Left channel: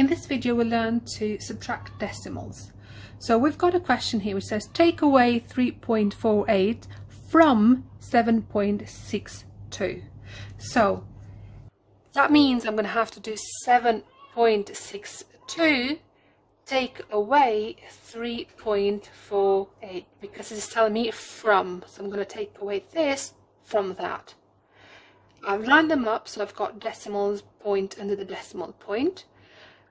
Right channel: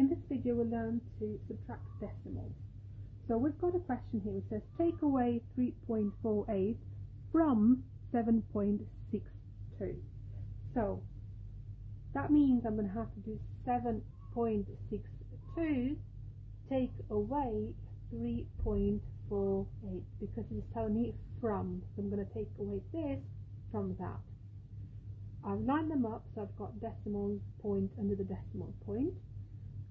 In this video we'll learn to subtract decimals. So we've got a question here which says take away 3.48 from 7.62. So that means I'm going to have to do 7.62 take away 3.48 because it's telling me from, so I'm going to take away this from that. I've lined them up so I've got decimals point under the decimal point,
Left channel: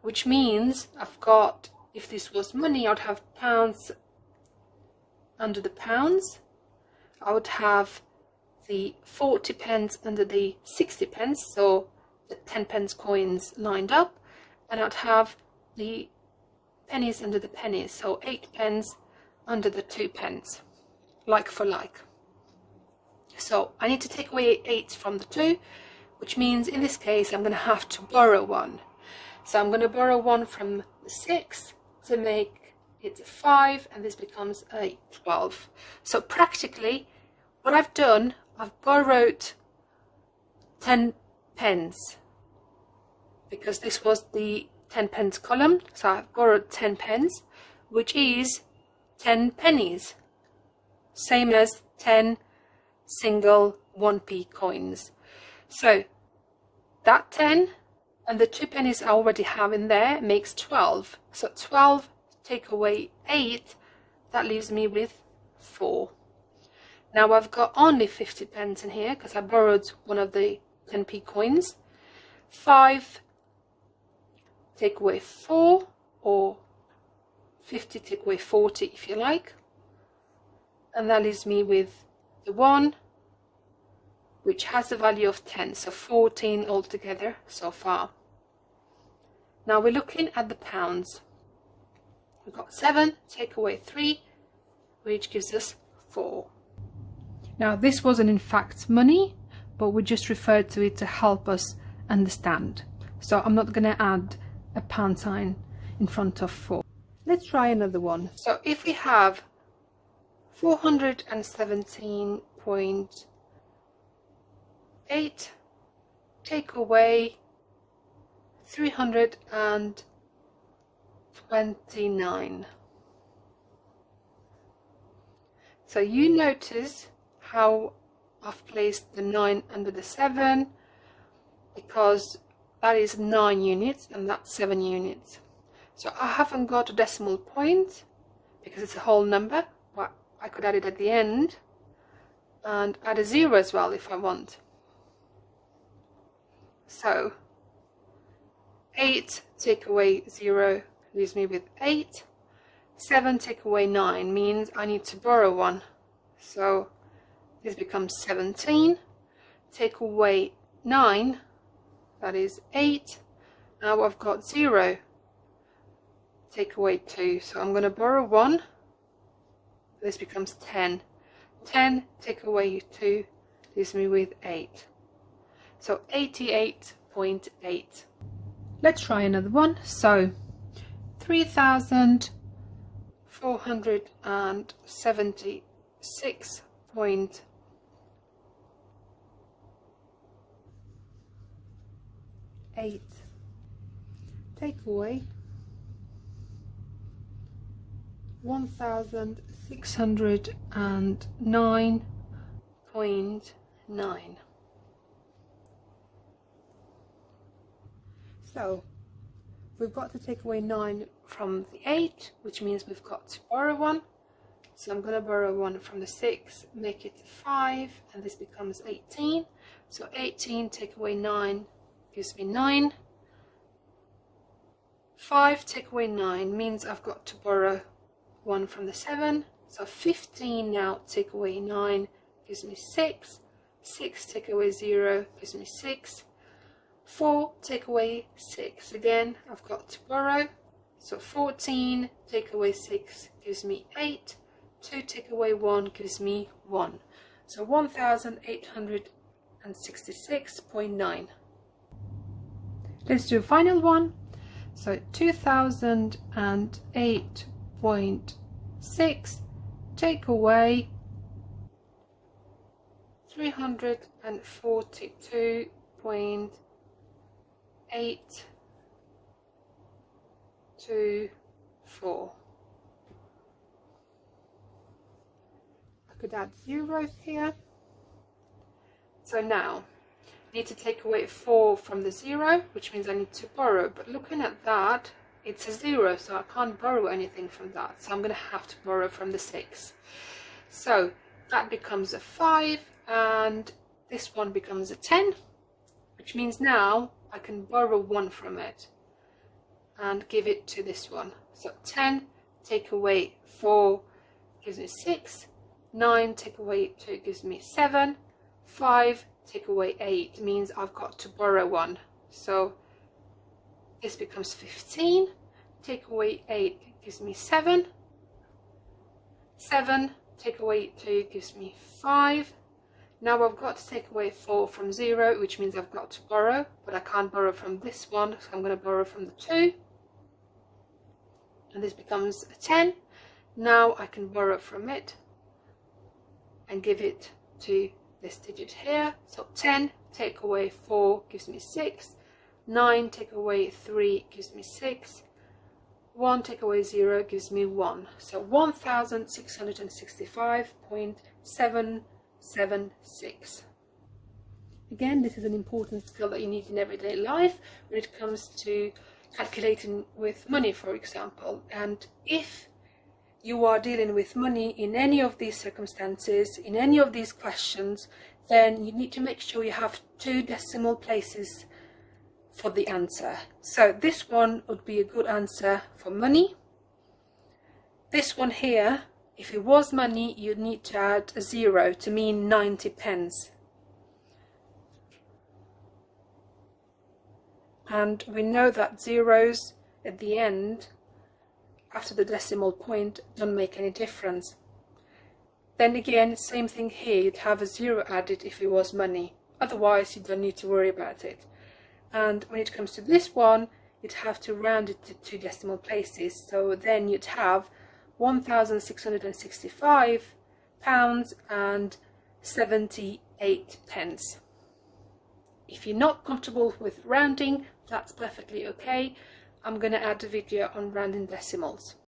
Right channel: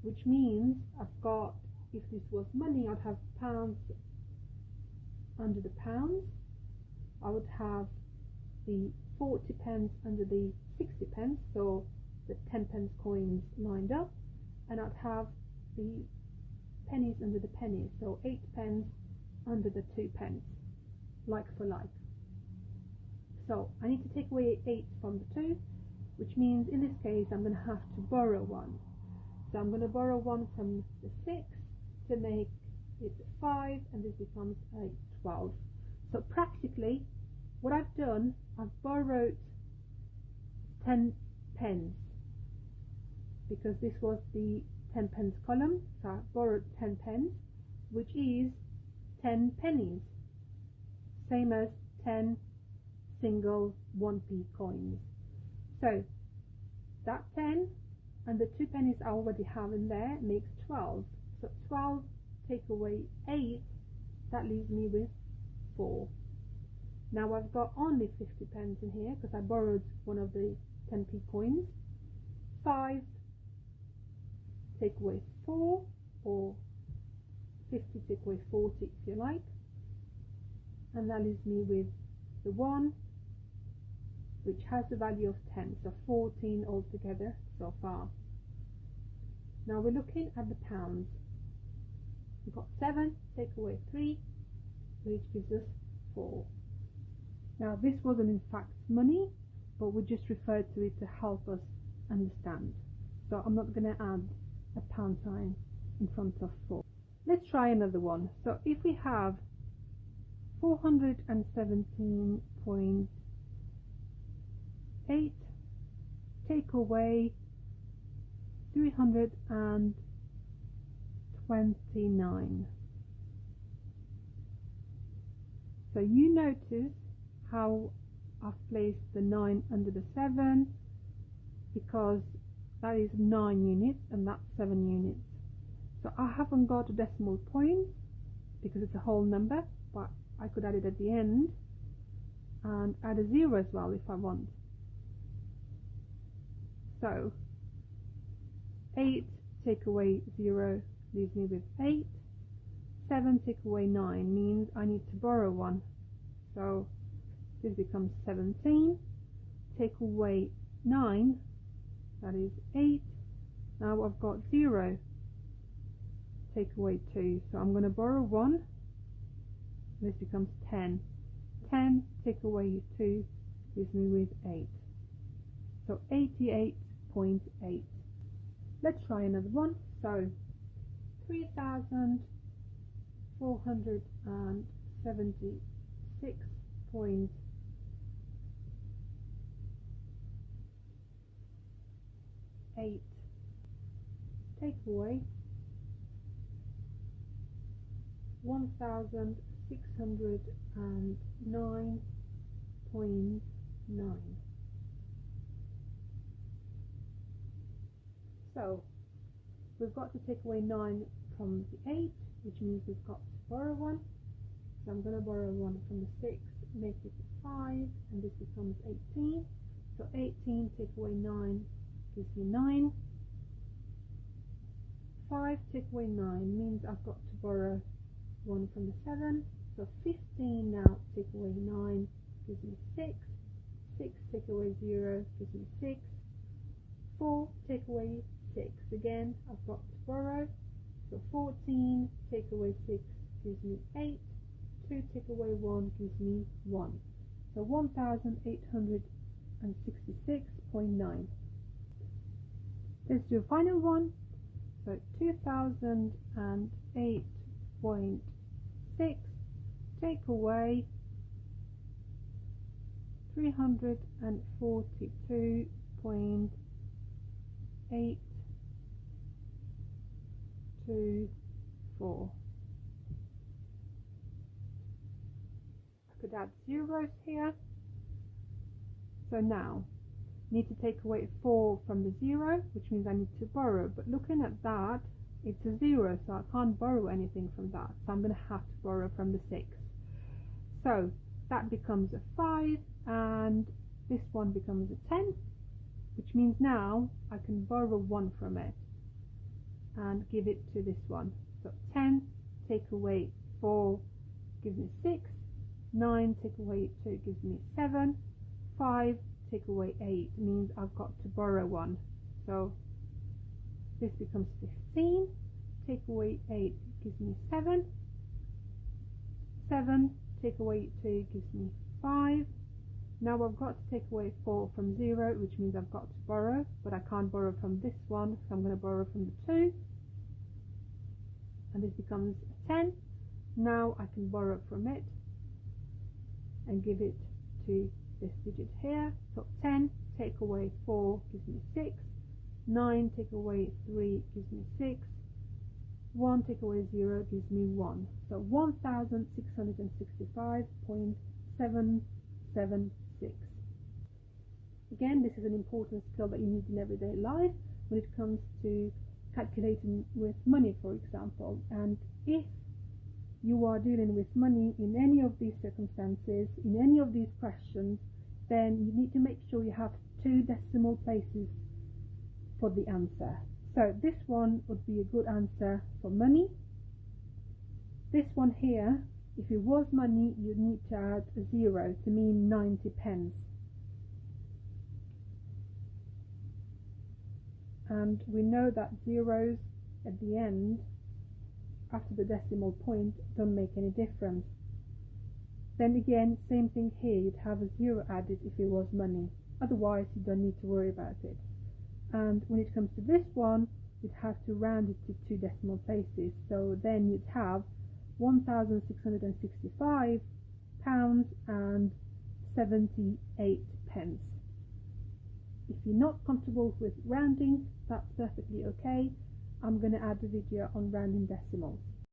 which means I've got, if this was money, I'd have pounds under the pounds, I would have the 40 pence under the 60 pence, so the 10 pence coins lined up, and I'd have the pennies under the pennies, so 8 pence under the 2 pence, like for like. So I need to take away 8 from the 2, which means in this case I'm going to have to borrow 1. So I'm going to borrow 1 from the 6 to make it 5, and this becomes a 12. So practically what I've done, I've borrowed 10 pence because this was the 10 pence column, so I've borrowed 10 pence, which is 10 pennies, same as 10 single 1p coins. So that 10 and the 2 pennies I already have in there makes 12. So 12 take away 8, that leaves me with 4. Now I've got only 50 pence in here because I borrowed one of the 10p coins. 5 take away 4, or 50 take away 40 if you like, and that leaves me with the 1, which has the value of 10, so 14 altogether so far. Now we're looking at the pounds. We've got 7 take away 3, which gives us 4. Now this wasn't in fact money, but we just referred to it to help us understand. So I'm not going to add a pound sign in front of 4. Let's try another one. So if we have 417.8 take away 329. So you notice how I've placed the 9 under the 7, because that is 9 units and that's 7 units. So I haven't got a decimal point because it's a whole number, but I could add it at the end and add a 0 as well if I want. So 8 take away 0 leaves me with 8. 7 take away 9 means I need to borrow 1. So this becomes 17. Take away 9, that is 8. Now I've got 0. Take away 2, so I'm going to borrow 1. This becomes 10. 10 take away 2 leaves me with 8. So 88.8. Let's try another one. So 3,476.8 take away 1,609.9. So we've got to take away 9 from the 8, which means we've got to borrow 1. So I'm going to borrow 1 from the 6, make it 5, and this becomes 18. So 18 take away 9 gives me 9. 5 take away 9 means I've got to borrow 1 from the 7. So 15 now take away 9 gives me 6. 6 take away 0 gives me 6. 4 take away 6, again I've got to borrow, so 14 take away 6 gives me 8. 2 take away 1 gives me 1. So 1,866.9. Let's do a final one. So 2008.6 take away 342.8 2, 4. I could add zeros here. So now I need to take away 4 from the 0, which means I need to borrow. But looking at that, it's a 0, so I can't borrow anything from that. So I'm going to have to borrow from the 6. So that becomes a 5, and this one becomes a 10, which means now I can borrow 1 from it and give it to this one. So 10 take away 4 gives me 6, 9 take away 2 gives me 7, 5 take away 8 means I've got to borrow 1. So this becomes 15, take away 8 gives me 7, 7 take away 2 gives me 5. Now I've got to take away 4 from 0, which means I've got to borrow, but I can't borrow from this one, so I'm going to borrow from the 2. And this becomes a 10. Now I can borrow from it and give it to this digit here. So 10 take away 4 gives me 6. 9 take away 3 gives me 6. 1 take away 0 gives me 1. So 1665.776. Again, this is an important skill that you need in everyday life when it comes to calculating with money, for example. And if you are dealing with money in any of these circumstances, in any of these questions, then you need to make sure you have 2 decimal places for the answer. So this one would be a good answer for money. This one here, if it was money, you'd need to add a 0 to mean 90 pence. And we know that zeros at the end, after the decimal point, don't make any difference. Then again, same thing here, you'd have a 0 added if it was money. Otherwise, you don't need to worry about it. And when it comes to this one, you'd have to round it to 2 decimal places. So then you'd have £1,665.78. If you're not comfortable with rounding, that's perfectly okay. I'm going to add a video on rounding decimals.